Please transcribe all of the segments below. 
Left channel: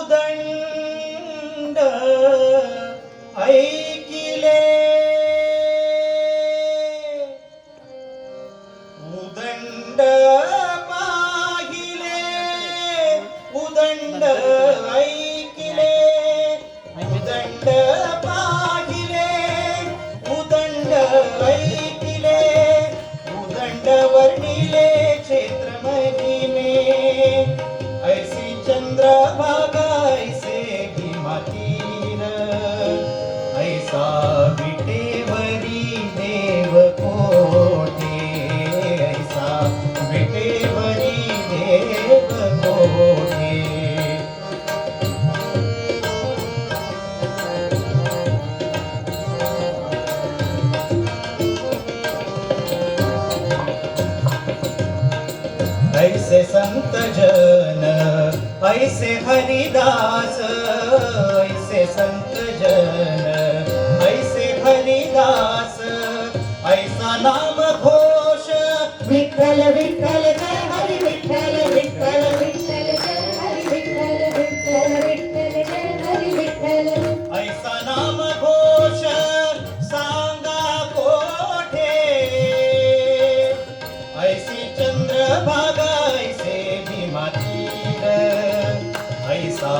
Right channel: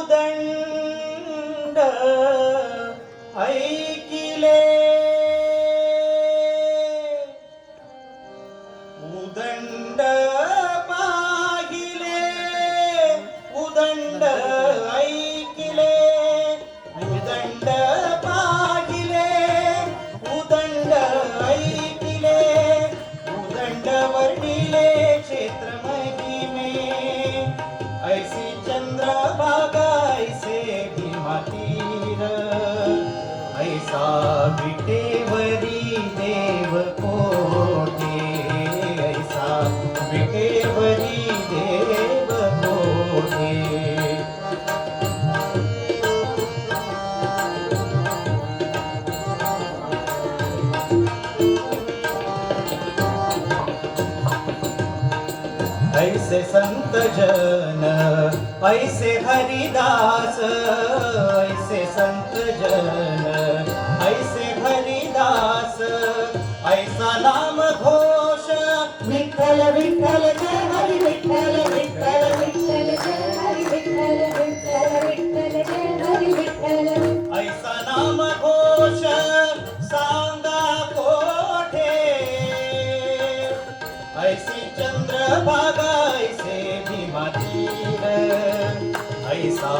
उदंड ऐकिले उदंड पाहिले उदंड ऐकिले उदंड पाहिले उदंड ऐकिले उदंड वर्णिले क्षेत्र महिमे ऐसी चंद्रभागा ऐसे हिमातीन ऐसा विटेवरी देव कोठे ऐसा विटेवरी देव कोठे ऐसे संत जन ऐसे हरिदास ऐसे संत जन ऐसे हरिदास ऐसा नाम घोष विठ्ठल विठ्ठल जय हरी विठ्ठल विठ्ठल विठ्ठल जय हरी विठ्ठल विठ्ठल विठ्ठल जय हरी विठ्ठल ऐसा नाम घोष सांगा कोठे ऐसी चंद्रभागा ऐसे भीमातीर ऐसा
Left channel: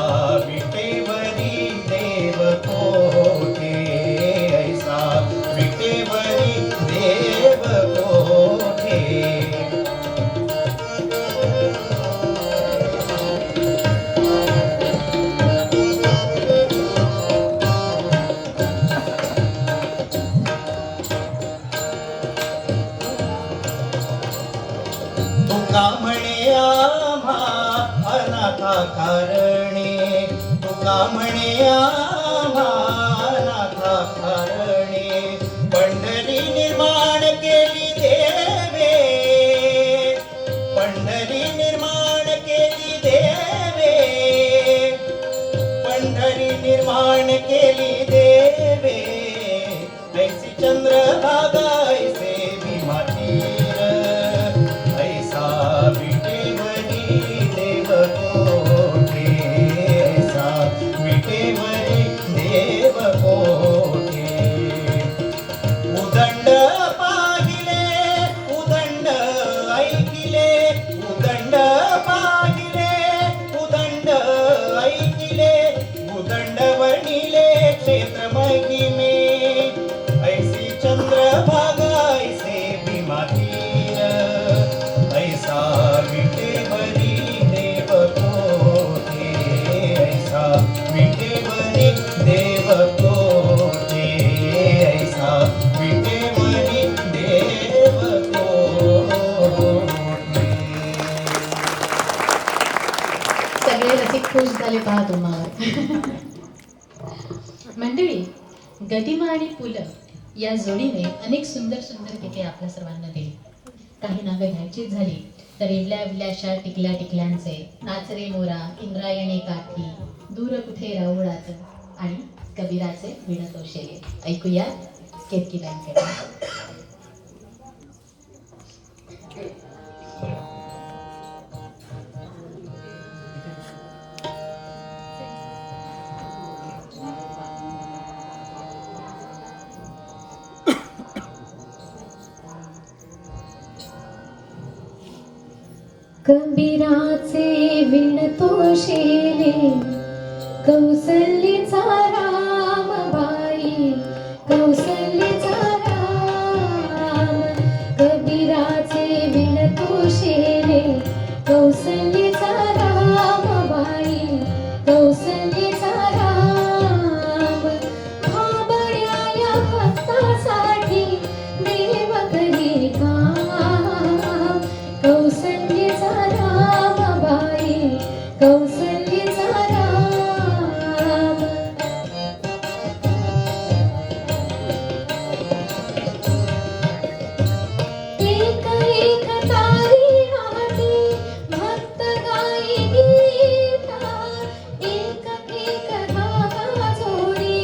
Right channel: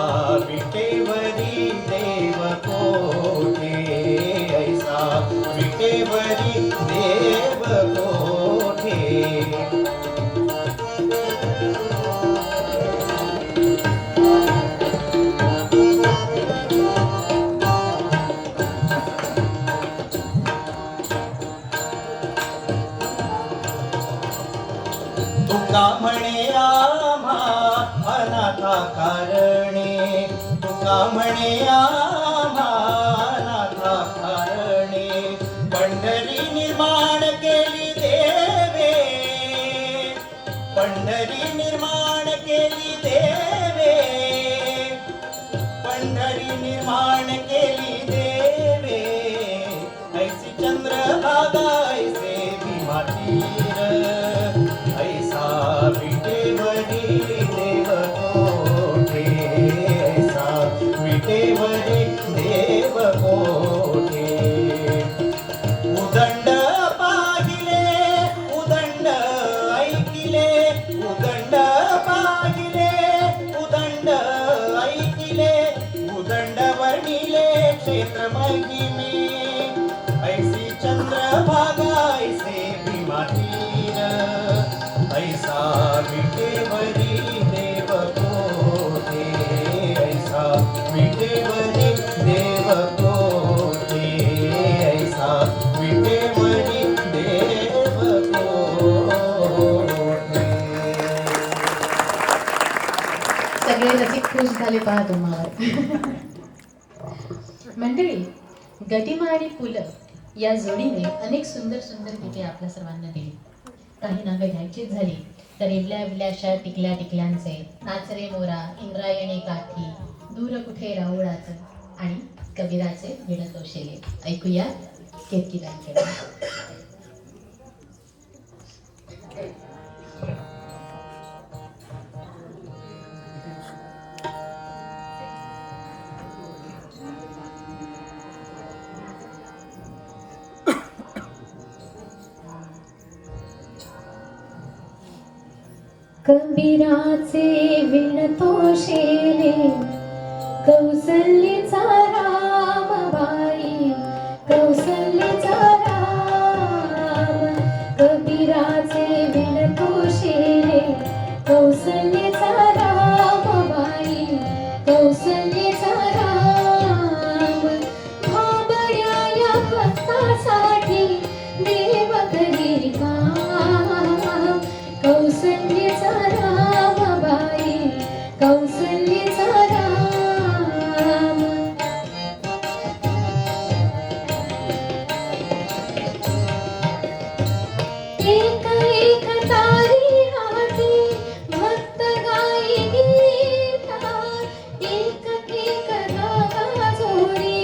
विटेवरी देव कोठे ऐसा विटेवरी देव कोठे तुका म्हणे आम्हा अनाथा कारणे तुका म्हणे आम्हा अनाथा कारणे पंढरी निर्माण केली देवे पंढरी निर्माण केली देवे पंढरी निर्माण केली देवे ऐसी चंद्रभागा ऐसे भीमातीर ऐसा विटेवरी देव कोठे ऐसा विटेवरी देव कोठे उदंड पाहिले उदंड ऐकिले उदंड पाहिले उदंड ऐकिले उदंड वर्णिले क्षेत्र महिमे ऐसी चंद्रभागा ऐसे भीमातीर ऐसा विटेवरी देव कोठे ऐसा विटेवरी देव कोठे ऐसा विटेवरी देव कोठे. सगळे रसिक खुश झाले पहा तुम्हाला. मंडळी, गदिमा आणि पुलं या जोडीने अनेक सुंदर सुंदर गीते आपल्या सर्वांना दिली. काही नावे घ्यायचीच झाली तर इवल्या इवल्याशा टिकल्या टिकल्यांचे, नाचरे मोरा, इंद्रायणी काठी, दूर कुठे राऊळाचे आणि कबीराचे विणतोशेले. ऐकूया केतकीबाईंकडे. कबीराचे विणतोशेले कौसल्येचा रामबाई कौसल्येचा राम कबीराचे विणतोशेले कौसल्येचा रामबाई कौसल्येचा राम भाबड्या या भक्तासाठी देव करी काम कौसल्येचा रामबाई कौसल्येचा राम एक एक तारी हाती भक्त गाई गीता एक एक धागा जोडी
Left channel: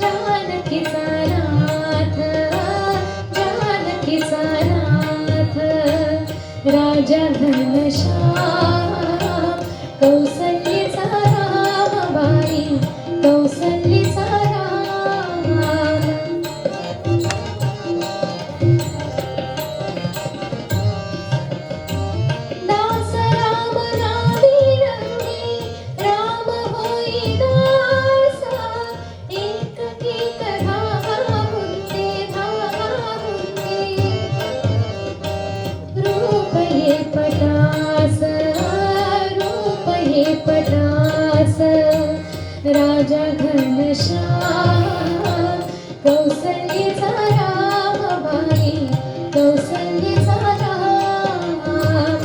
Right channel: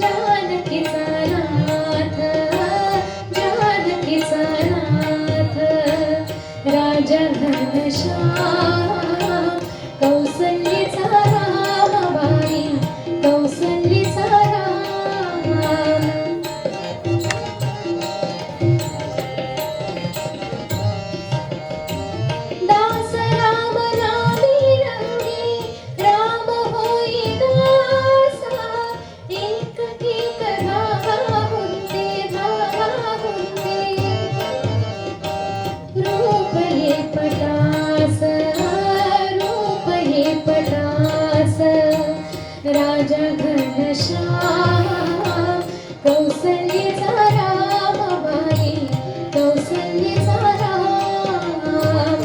जानकीचा नाथ राजा घनश्याम कौसल्येचा राम बाई कौसल्येचा राम दास राम नामी रंगे राम होई दासा एक एक धागा बुंदे रूप हे पटास राजा घनश्याम कौसल्येचा राम बाई कौसल्येचा राम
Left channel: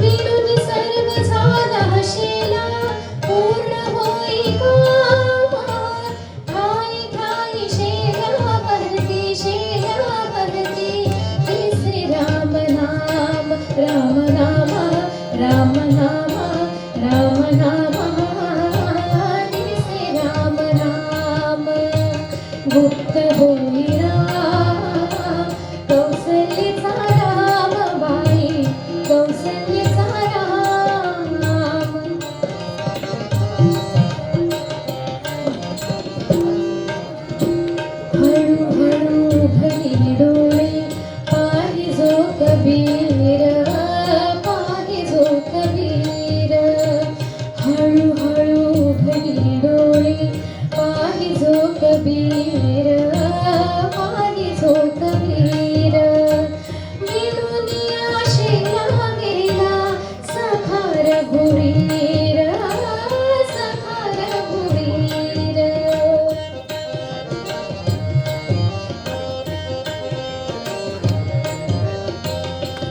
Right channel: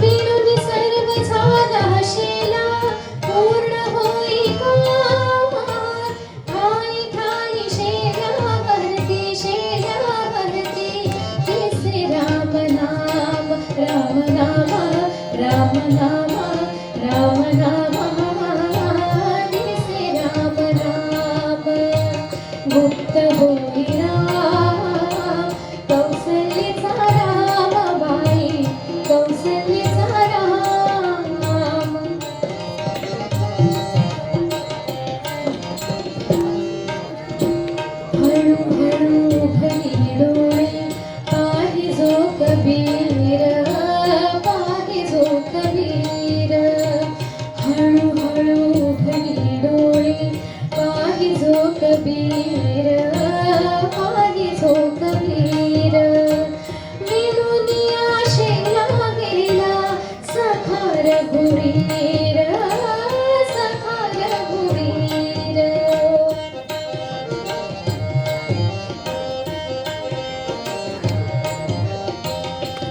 विणून सर्व झाला शेला पूर्ण होई काम ठाई ठाई शेला भरती तिसरे राम नाम राम नाम राम नाम राम नाम तिसरे राम नाम गुप्त होई राम कौसल्येचा राम बाई कौसल्येचा राम हळू हळू भरी डोळे पाहिजो कबीर हळू हळू भरी डोळे पाहिजो कबीर विणुनिया शेला गेला सखार गुरीर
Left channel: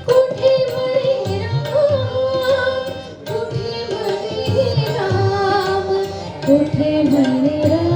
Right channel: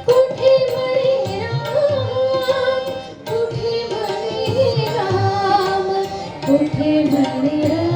कुठे म्हणे राम कुठे म्हणे राम कुठे म्हणे राम